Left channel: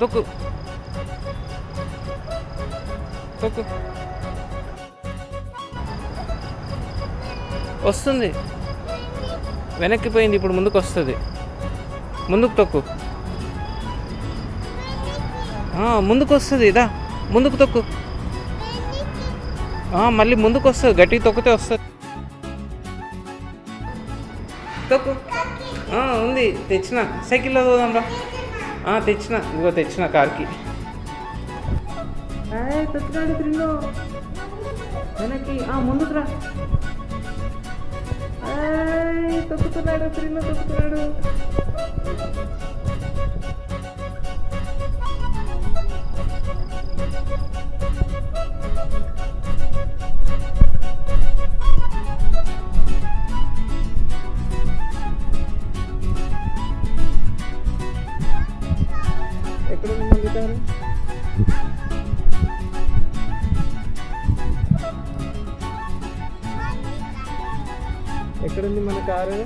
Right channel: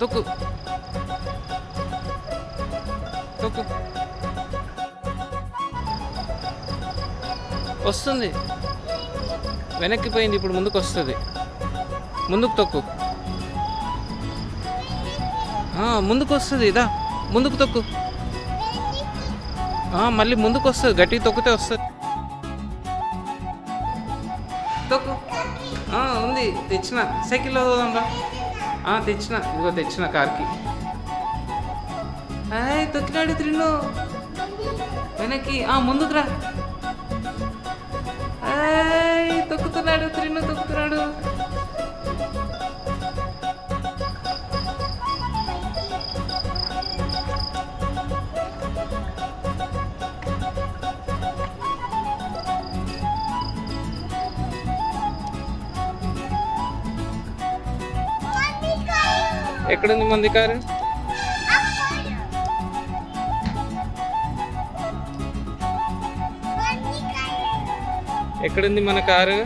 తొక్కు తొక్కు. వస్తుంది, వెనక్కి పోయింది, ఇప్పుడు ముందుకు వస్తుంది. ముందుకు తొక్కు. ముందుకు వస్తుంది, ఇదా ముందుకు తొక్కు. మళ్ళీ ముందుకు వస్తుంది, గట్టిగా తొక్కితే వస్తుంది. తొక్కు. ఉంది, తెచ్చిన. సైకిల్లో పోదాంబా. తెచ్చిన, ఇదిగో తెచ్చిన కార్కి. తొక్కినాడు త్రిన్ను, వెనక్కి. ముందుకు రా. తొక్కుతున్నాడు త్రిన్ను, తొక్కుతున్నాడు. ఎక్కడుంది మంది కారు? ఎక్కడుంది మన కారు?